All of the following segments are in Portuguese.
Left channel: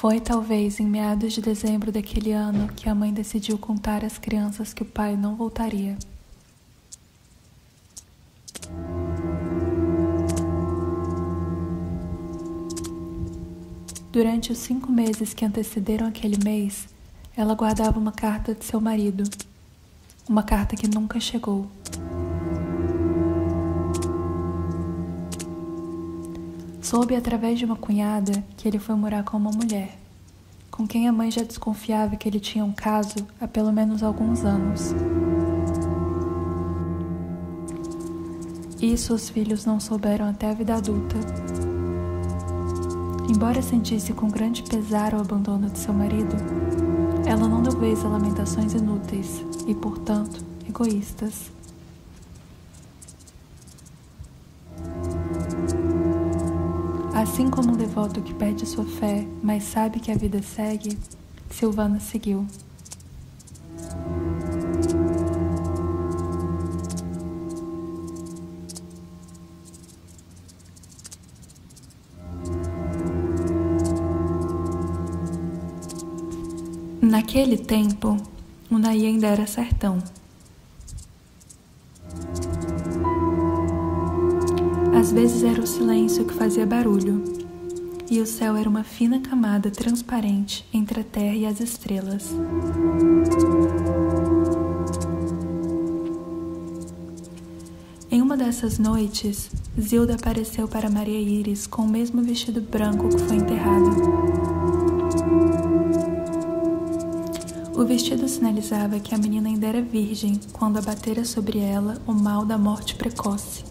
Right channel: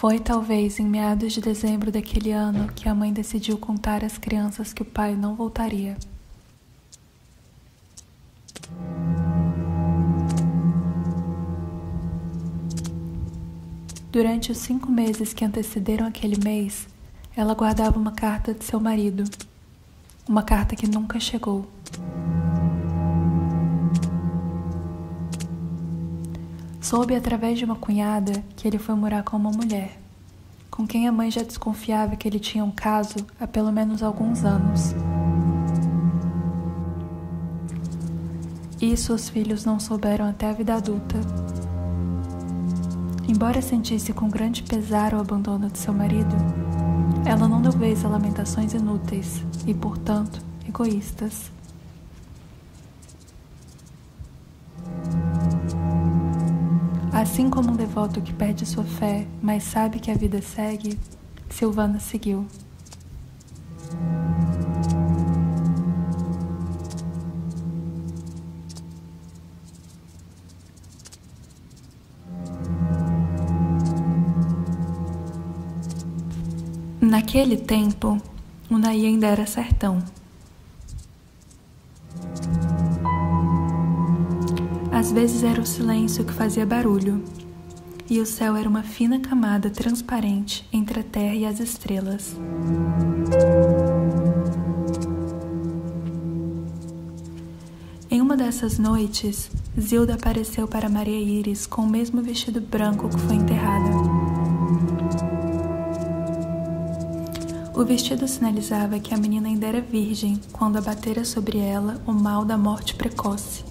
Foi talvez em meados de dezembro daquele ano que a mãe decidiu contar às crianças que o pai não voltaria. Durante os 5 meses que antecederam aquele mês, ela guardava uma carta de seu marido, uma carta que nunca chegou. Soube através de uma cunhada que ele foi morar com uma mulher, com quem a mãe já desconfiava que ele tinha um caso há pelo menos alguns anos. Isso os filhos não souberam até a vida adulta. Embora sentisse com grande pesar o abandono de seu marido, ela não deu vez a lamentações inúteis e, portanto, egoístas. Assim como um devoto que perde sua fé, mas sabe que a vida segue, Silvana seguiu. Naquele tempo, Unai ainda era sertão. Às vezes era o silêncio que fazia barulho, e o céu era uma fina camada transparente entre a terra e as estrelas. Em uma dessas noites, Zilda apareceu para Maria Íris com o mesmo vestido branco que foi enterrada. O vestido sinalizava que a menina ainda era virgem quando abatera sobre ela o mal da morte precoce.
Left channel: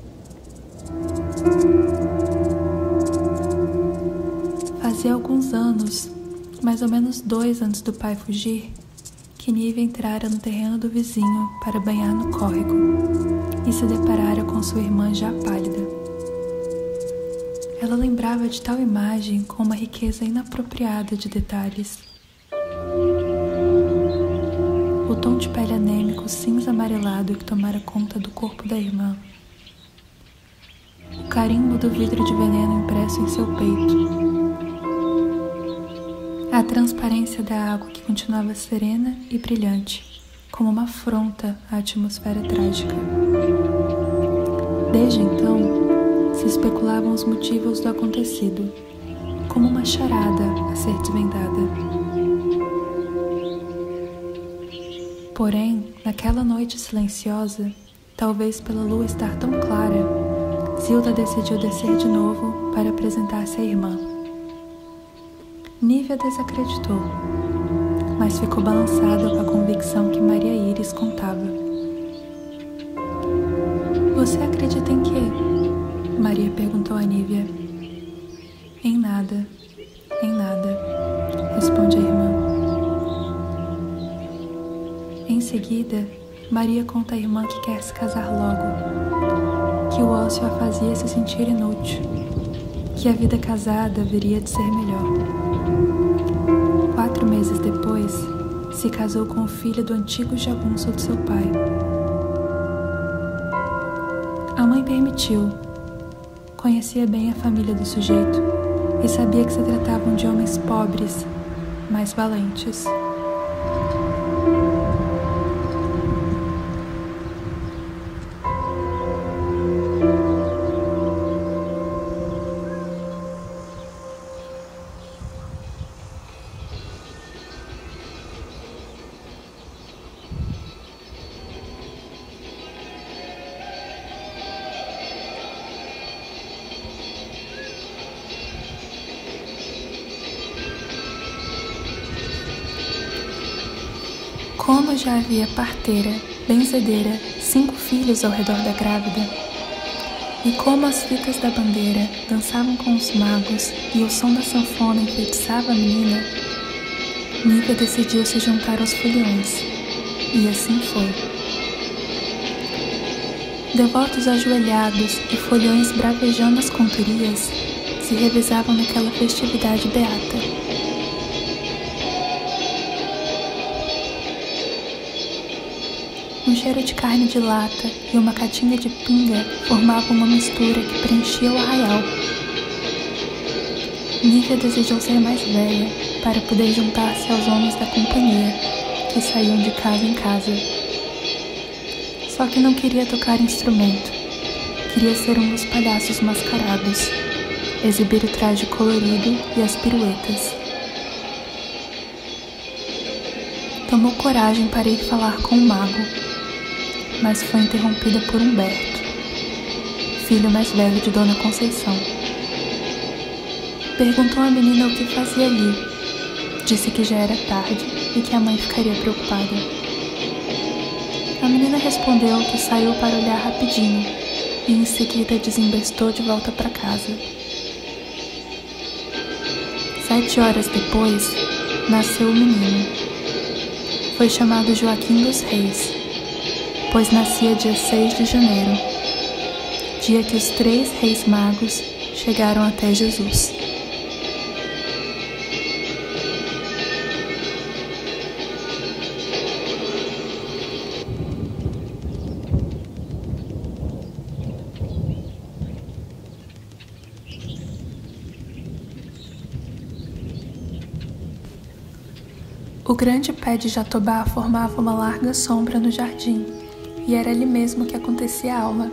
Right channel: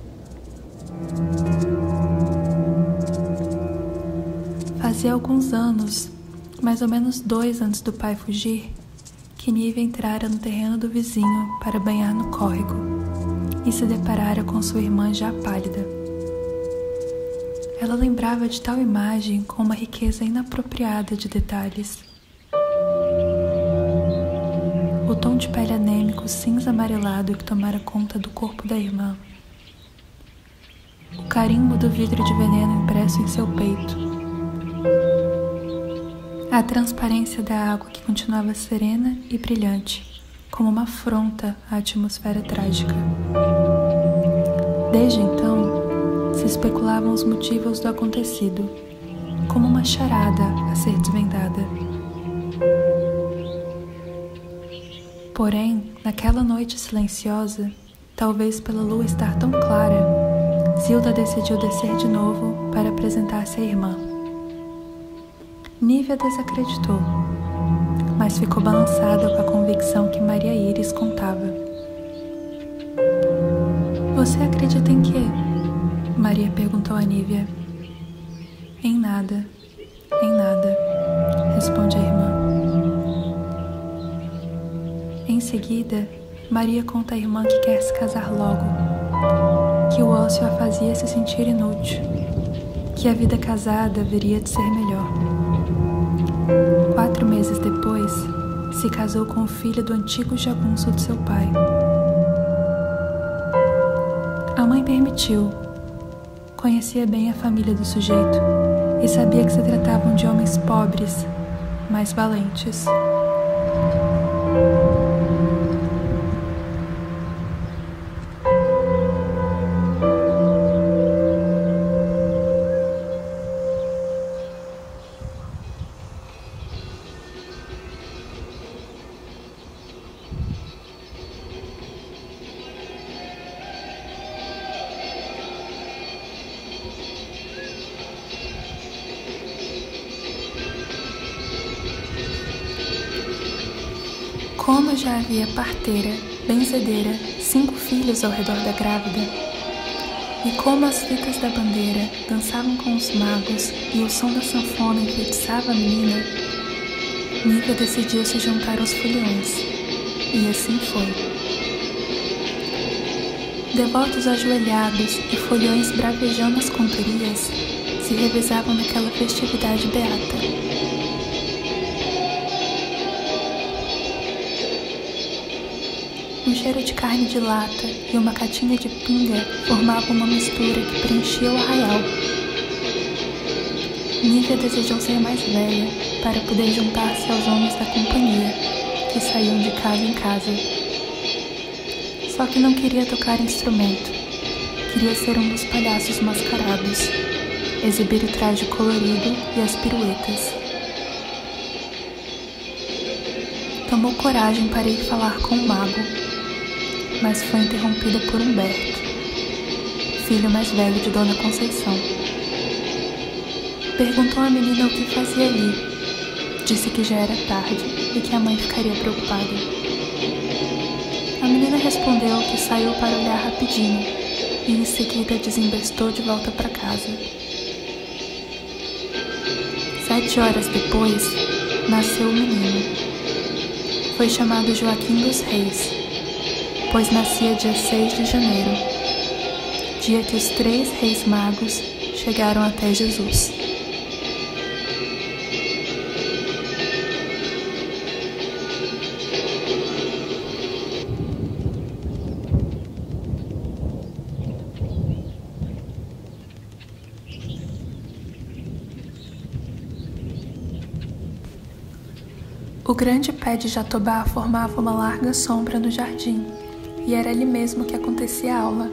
Fazia alguns anos, mais ou menos 2 antes do pai fugir, que Nívia entrara no terreno do vizinho para banhar no córrego e se deparara com sua irmã já pálida. Ela lembrava de tal imagem com uma riqueza inapropriada de detalhes. O tom de pele anêmico cinza amarelado que tomara conta do corpo da irmã. O carimbo do vidro de veneno impresso em seu peito. A transparência da água que continuava serena e brilhante, como uma afronta à atmosfera trágica. Desde então, se especulavam os motivos do acontecido, como uma charada a ser desvendada. Porém, naquela noite silenciosa, talvez pela lua estar tão clara, Zilda decidiu descer de novo para apresentar-se à irmã. Nívia desacreditou, mas ficou balançada com a convicção que Maria Íris contava. Você acredita em quê? Maria perguntou a Nívia. Em nada, responde a irmã. Em seguida, Maria conta à irmã que quer se casar logo, que o ócio a fazia se sentir inútil, que a vida casada haveria de ser melhor. 4 meses depois, se casou com o filho do antigo jagunço de seu pai. A mãe permitiu. Conhecia bem a família do sujeito e sabia que se tratavam de homens pobres, mas valentes. Como já havia parteira, benzedeira, 5 filhos ao redor da grávida, e como as fitas da bandeira dançavam com os magos e o som da sanfona enfeitiçava a menina, Nívia decidiu se juntar aos foliões, e assim foi. Devotos ajoelhados e foliões bravejando as cantorias se revezavam naquela festividade beata. Um cheiro de carne de lata e uma catinha de pinga formavam uma mistura que preenchia o arraial. Nívia desejou ser mais velha para poder juntar-se aos homens da companhia, que saíam de casa em casa. Só que não queria tocar instrumento, queria ser um dos palhaços mascarados, exibir o traje colorido e as piruetas. Tomou coragem para ir falar com o mago, mas foi interrompida por Humberto, filho mais velho de Dona Conceição. Perguntou à menina o que fazia ali. Disse que já era tarde e que a mãe ficaria preocupada. A menina respondeu que saiu para olhar rapidinho e em seguida desembestou de volta para casa. 7 horas depois, nasceu o menino. Foi chamado Joaquim dos Reis, pois nascia dia 6 de janeiro, dia que os 3 reis magos chegaram até Jesus. O grande pé de jatobá formava uma larga sombra no jardim, e era ali mesmo que acontecia a aula.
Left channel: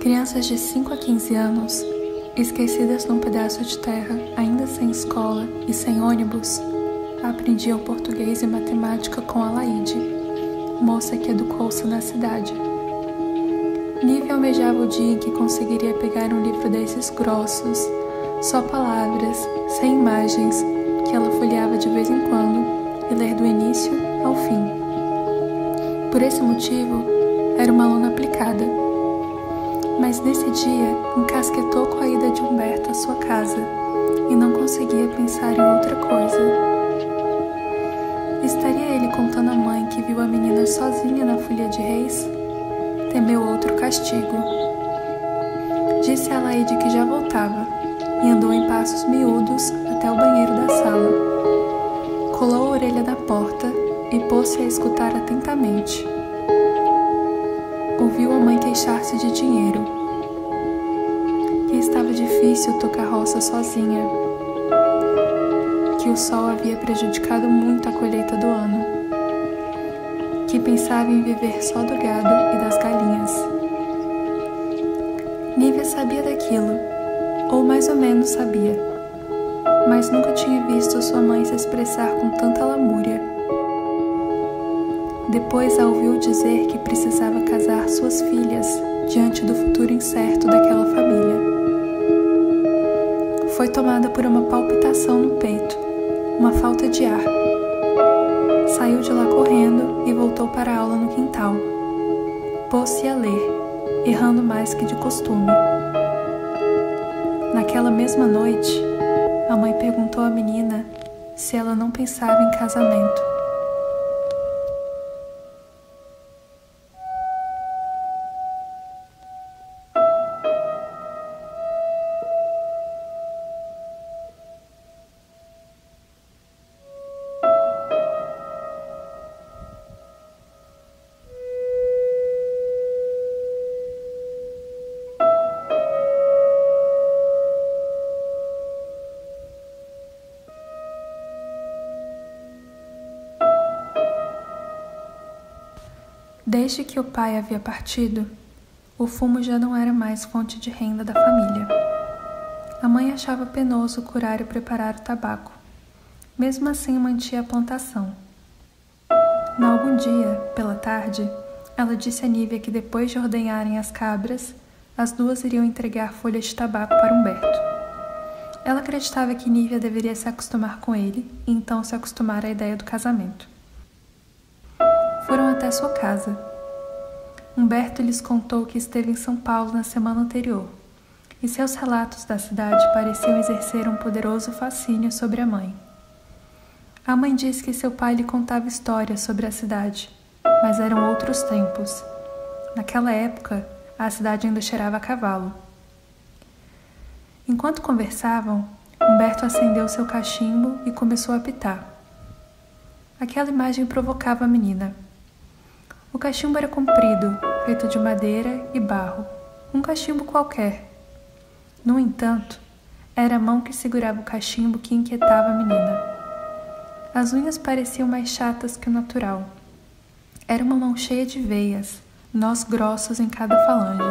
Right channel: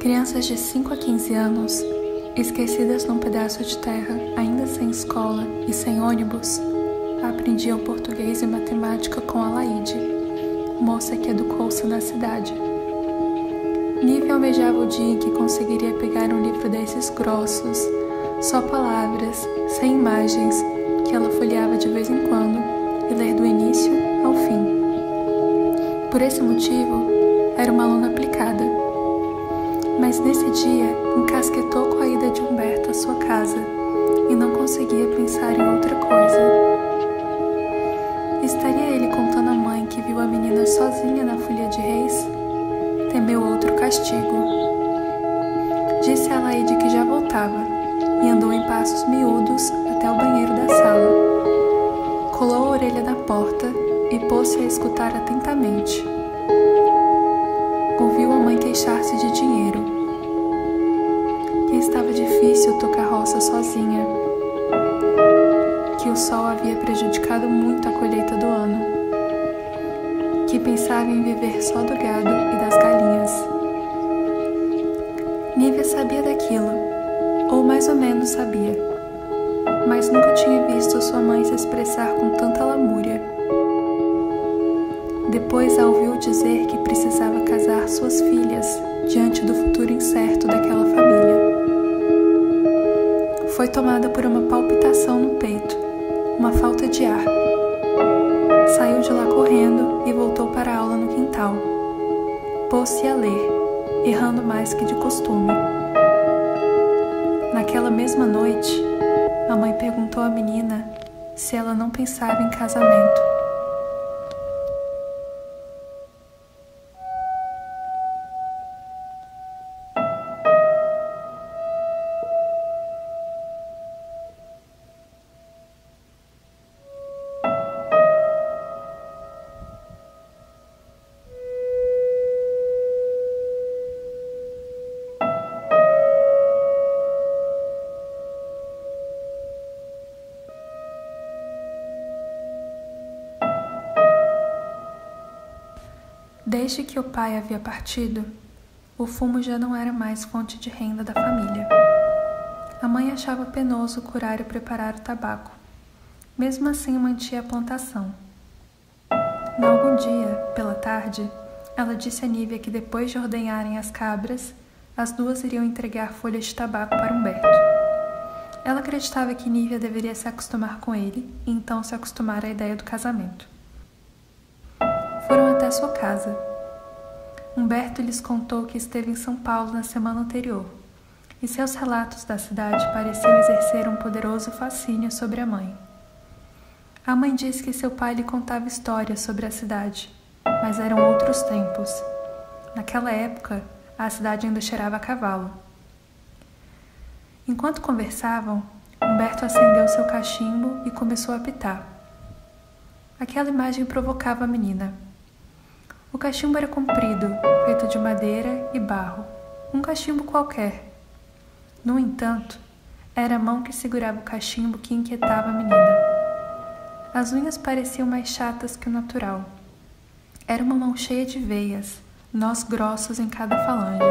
Crianças de 5 a 15 anos, esquecidas num pedaço de terra, ainda sem escola e sem ônibus, aprendiam português e matemática com Alaide, moça que educou-se na cidade. Nívia almejava o dia em que conseguiria pegar um livro desses grossos, só palavras, sem imagens, que ela folheava de vez em quando e ler do início ao fim. Por esse motivo, era uma aluna aplicada. Mas nesse dia, encasquetou com a ida de Humberto à sua casa e não conseguia pensar em outra coisa. Estaria ele contando à mãe que viu a menina sozinha na Folia de Reis? Temeu outro castigo. Disse a Alaide que já voltava e andou em passos miúdos até o banheiro da sala. Colou a orelha na porta e pôs-se a escutar atentamente. Ouviu a mãe queixar-se de dinheiro, que estava difícil tocar roça sozinha, que o sol havia prejudicado muito a colheita do ano, que pensava em viver só do gado e das galinhas. Nívia sabia daquilo, ou mais ou menos sabia, mas nunca tinha visto sua mãe se expressar com tanta lamúria. Depois a ouviu dizer que precisava casar suas filhas diante do futuro incerto daquela família. Foi tomada por uma palpitação no peito, uma falta de ar. Saiu de lá correndo e voltou para a aula no quintal. Pôs-se a ler, errando mais que de costume. Naquela mesma noite, a mãe perguntou à menina se ela não pensava em casamento. Desde que o pai havia partido, o fumo já não era mais fonte de renda da família. A mãe achava penoso curar e preparar o tabaco. Mesmo assim, mantinha a plantação. Em algum dia, pela tarde, ela disse a Nívia que depois de ordenharem as cabras, as duas iriam entregar folhas de tabaco para Humberto. Ela acreditava que Nívia deveria se acostumar com ele e então se acostumar à ideia do casamento. Foram até sua casa. Humberto lhes contou que esteve em São Paulo na semana anterior, e seus relatos da cidade pareciam exercer um poderoso fascínio sobre a mãe. A mãe disse que seu pai lhe contava histórias sobre a cidade, mas eram outros tempos. Naquela época, a cidade ainda cheirava a cavalo. Enquanto conversavam, Humberto acendeu seu cachimbo e começou a apitar. Aquela imagem provocava a menina. O cachimbo era comprido, feito de madeira e barro, um cachimbo qualquer. No entanto, Era a mão que segurava o cachimbo que inquietava a menina. As unhas pareciam mais chatas que o natural. Era uma mão cheia de veias, nós grossos em cada falange.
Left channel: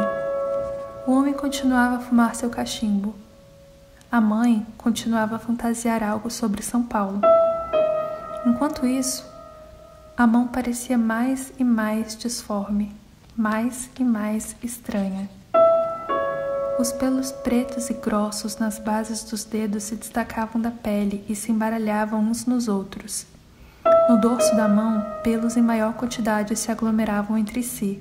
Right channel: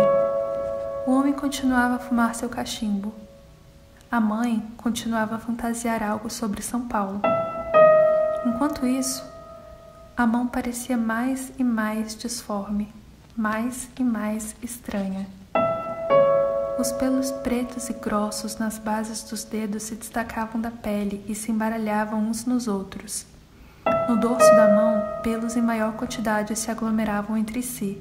O homem continuava a fumar seu cachimbo. A mãe continuava a fantasiar algo sobre São Paulo. Enquanto isso, a mão parecia mais e mais disforme, mais e mais estranha. Os pelos pretos e grossos nas bases dos dedos se destacavam da pele e se embaralhavam uns nos outros. No dorso da mão, pelos em maior quantidade se aglomeravam entre si.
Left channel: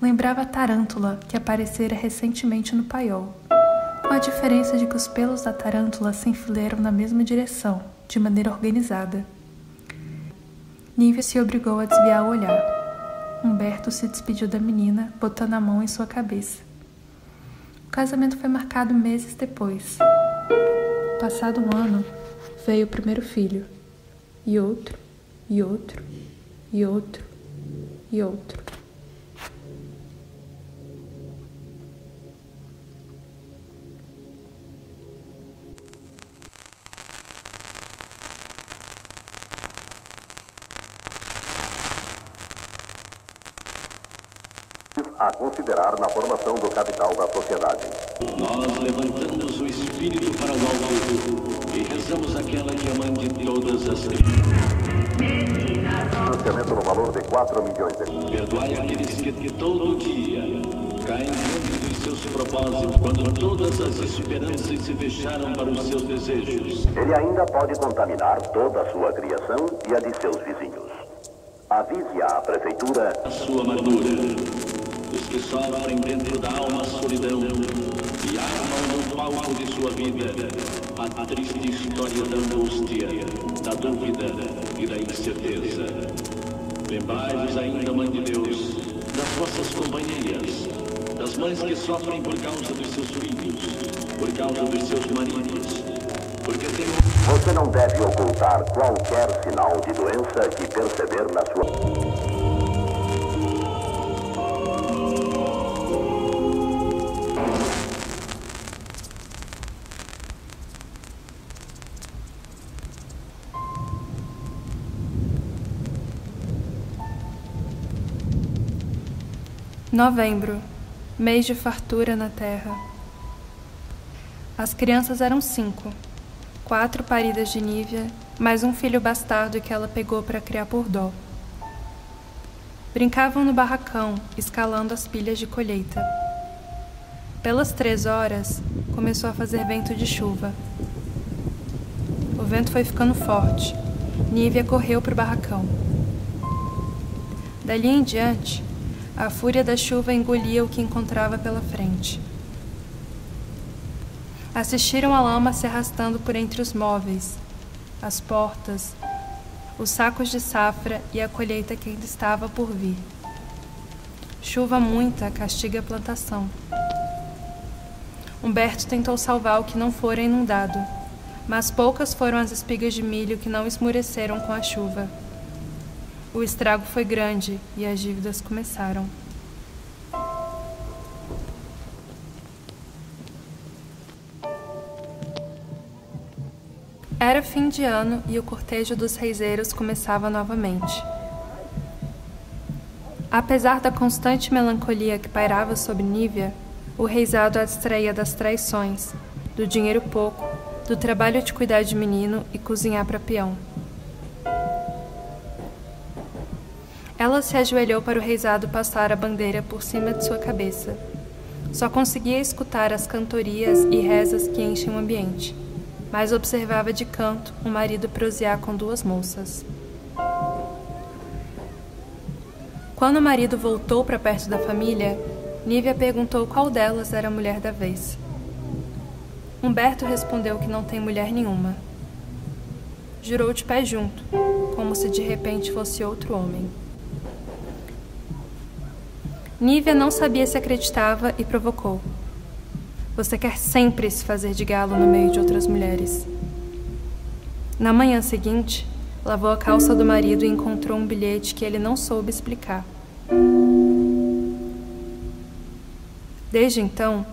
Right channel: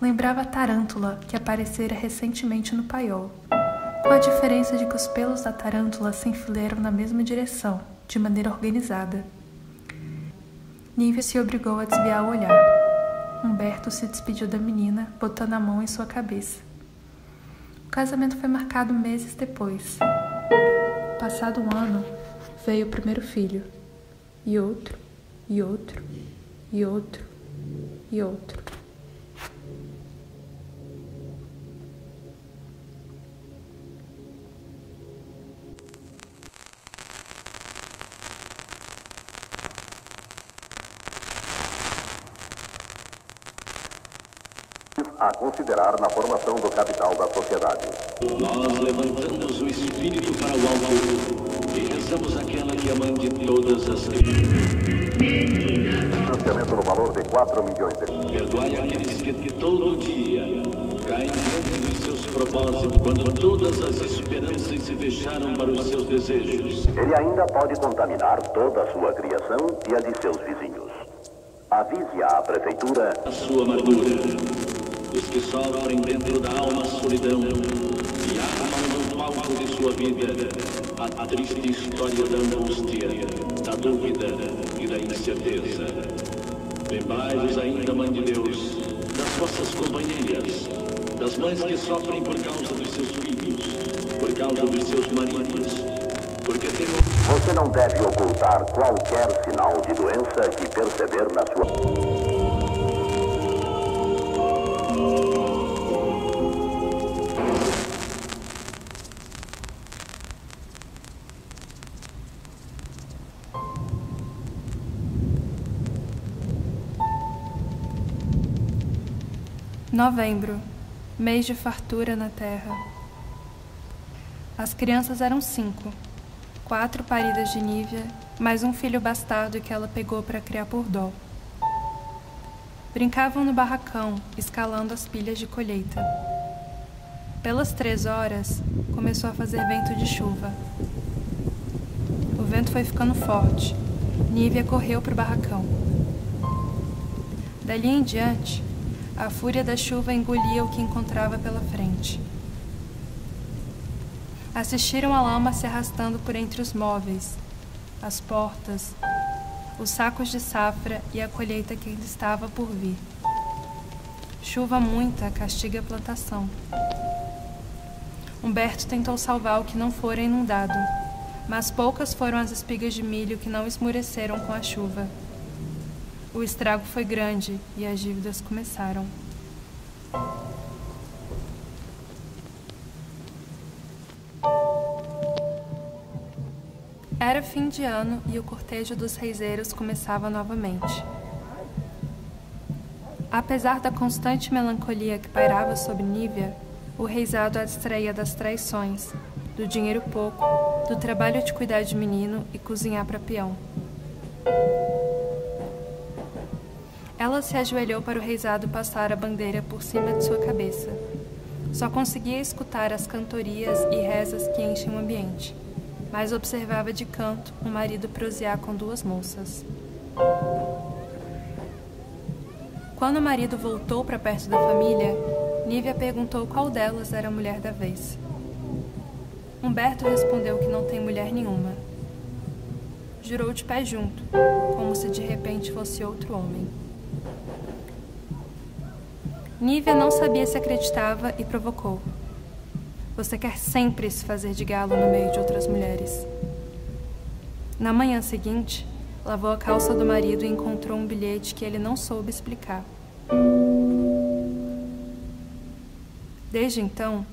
Lembrava a tarântula que aparecera recentemente no paiol, com a diferença de que os pelos da tarântula se enfileiram na mesma direção, de maneira organizada. Nívia se obrigou a desviar o olhar. Humberto se despediu da menina, botando a mão em sua cabeça. O casamento foi marcado meses depois. Passado um ano, veio o primeiro filho. E outro, e outro, e outro, e outro. A considerar na formação do capital da sociedade. Nós levantamos o espírito para o alto e rezamos aquela que é a mãe de todas as Financiamento no valor de 4 milhões de reais. Perdoai aqueles que todo dia caem diante dos seus propósitos quando todas as esperanças se fecharam para os seus desejos. Ele ainda pode contaminar toda a sua criação e a de seus vizinhos. Avise à prefeitura A sua amargura. Os que sofrem dentro da alma a solidão e armam no palco de sua vida a triste história da angústia, da dúvida e da incerteza. Lembrai-vos ainda, Mãe de Deus, das vossas companheiras, das mães que sofrem por causa dos seus filhos, por causa dos seus maridos, porque Deus... Você não deve ocultar qualquer sinal de doença que perceber na sua... Novembro, mês de fartura na terra. As crianças eram 5, 4 paridas de Nívia, mais um filho bastardo que ela pegou para criar por dó. Brincavam no barracão, escalando as pilhas de colheita. Pelas 3 horas, começou a fazer vento de chuva. O vento foi ficando forte. Nívia correu para o barracão. Dali em diante, a fúria da chuva engolia o que encontrava pela frente. Assistiram a lama se arrastando por entre os móveis, as portas, os sacos de safra e a colheita que ainda estava por vir. Chuva muita castiga a plantação. Humberto tentou salvar o que não fora inundado, mas poucas foram as espigas de milho que não esmureceram com a chuva. O estrago foi grande e as dívidas começaram. Era fim de ano e o cortejo dos reiseiros começava novamente. Apesar da constante melancolia que pairava sobre Nívia, o reisado a distraía das traições, do dinheiro pouco, do trabalho de cuidar de menino e cozinhar para peão. Ela se ajoelhou para o reisado passar a bandeira por cima de sua cabeça. Só conseguia escutar as cantorias e rezas que enchem o ambiente, mas observava de canto o marido prosear com 2 moças. Quando o marido voltou para perto da família, Nívia perguntou qual delas era a mulher da vez. Humberto respondeu que não tem mulher nenhuma. Jurou de pé junto, como se de repente fosse outro homem. Nívia não sabia se acreditava e provocou. Você quer sempre se fazer de galo no meio de outras mulheres. Na manhã seguinte, lavou a calça do marido e encontrou um bilhete que ele não soube explicar. Desde então,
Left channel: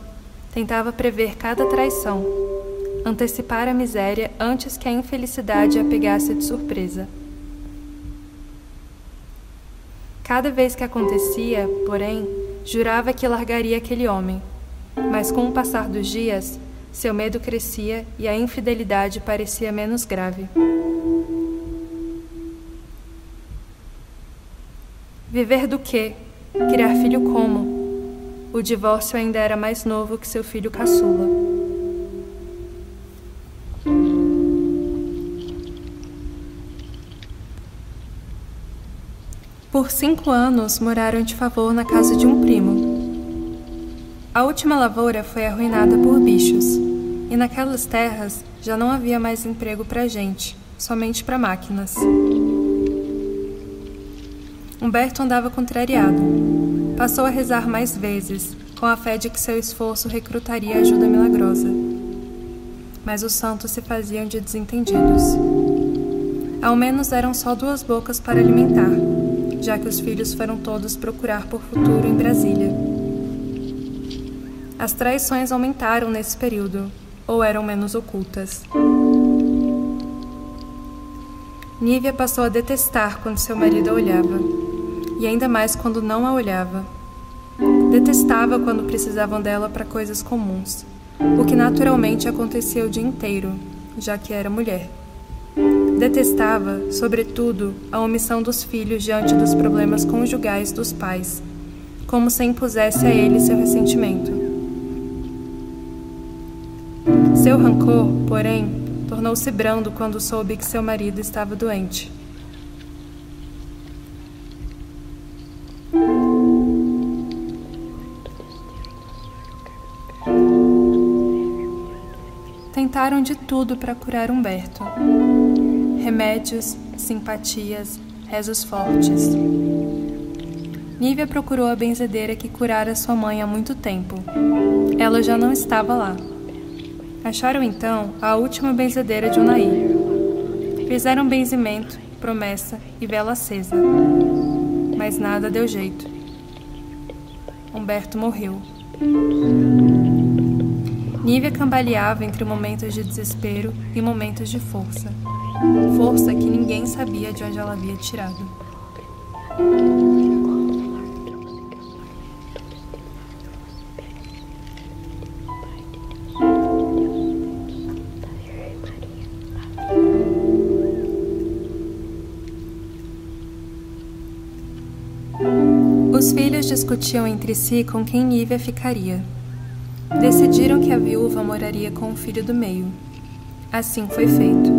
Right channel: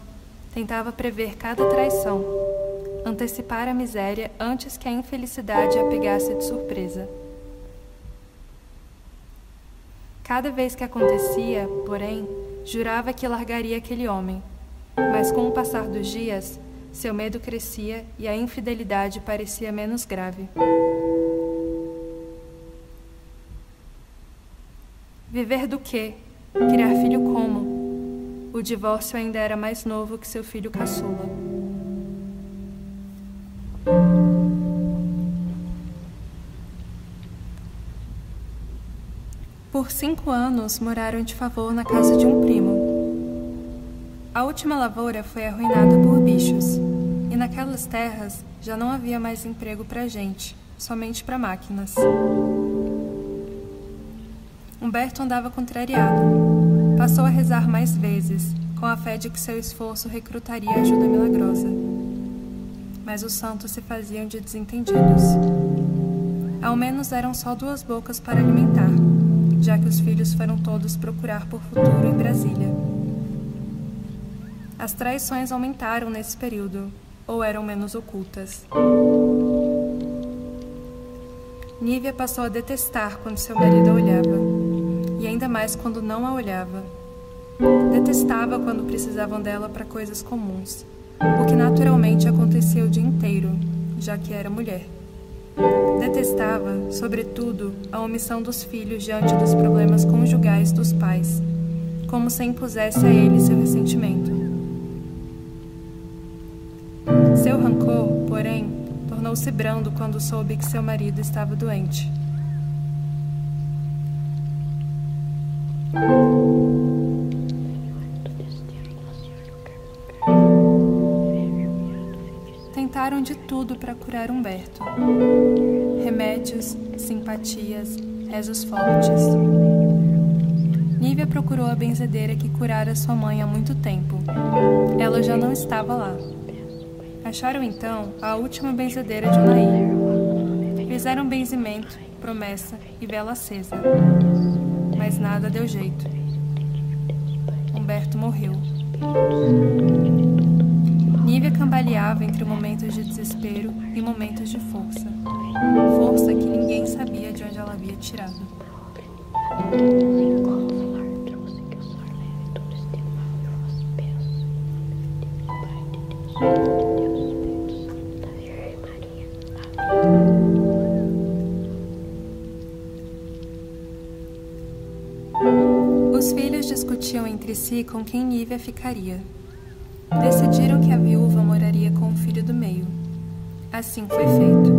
tentava prever cada traição, antecipar a miséria antes que a infelicidade a pegasse de surpresa. Cada vez que acontecia, porém, jurava que largaria aquele homem, mas com o passar dos dias, seu medo crescia e a infidelidade parecia menos grave. Viver do quê? Criar filho como? O divórcio ainda era mais novo que seu filho caçula. Por 5 anos, moraram de favor na casa de um primo. A última lavoura foi arruinada por bichos, e naquelas terras já não havia mais emprego para gente, somente para máquinas. Humberto andava contrariado. Passou a rezar mais vezes, com a fé de que seu esforço recrutaria ajuda milagrosa. Mas os santos se faziam de desentendidos. Ao menos eram só 2 bocas para alimentar, já que os filhos foram todos procurar por futuro em Brasília. As traições aumentaram nesse período, ou eram menos ocultas. Nívia passou a detestar quando seu marido a olhava, e ainda mais quando não a olhava. Detestava quando precisavam dela para coisas comuns, o que naturalmente acontecia o dia inteiro, já que era mulher. Detestava, sobretudo, a omissão dos filhos diante dos problemas conjugais dos pais, como se impusesse a ele seu ressentimento. Seu rancor, porém, tornou-se brando quando soube que seu marido estava doente. Tentaram de tudo para curar Humberto. Remédios, simpatias, rezos fortes. Nívia procurou a benzedeira que curara sua mãe há muito tempo. Ela já não estava lá. Acharam então a última benzedeira de Unaí. Fizeram benzimento, promessa e vela acesa. Mas nada deu jeito. Humberto morreu. Nívia cambaleava entre momentos de desespero e momentos de força. Força que ninguém sabia de onde ela havia tirado. Os filhos discutiam entre si com quem Nívia ficaria. Decidiram que a viúva moraria com o filho do meio. Assim foi feito.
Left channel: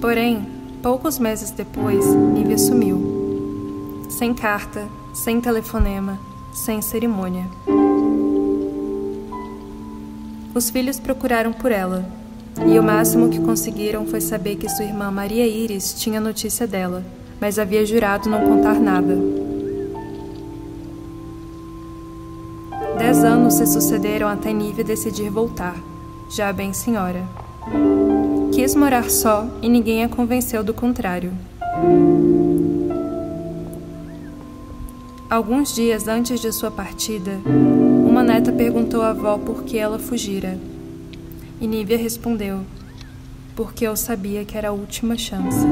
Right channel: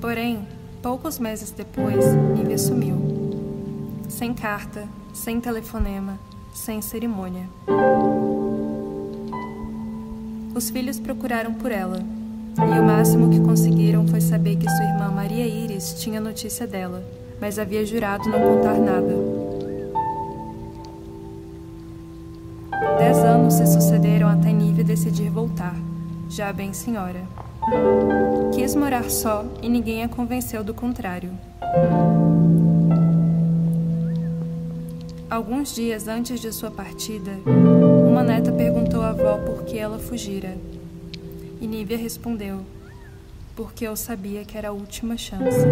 Porém, poucos meses depois, Nívia sumiu. Sem carta, sem telefonema, sem cerimônia. Os filhos procuraram por ela, e o máximo que conseguiram foi saber que sua irmã Maria Íris tinha notícia dela, mas havia jurado não contar nada. 10 anos se sucederam até Nívia decidir voltar, já bem senhora. Quis morar só e ninguém a convenceu do contrário. Alguns dias antes de sua partida, uma neta perguntou à avó por que ela fugira. E Nívia respondeu: porque eu sabia que era a última chance.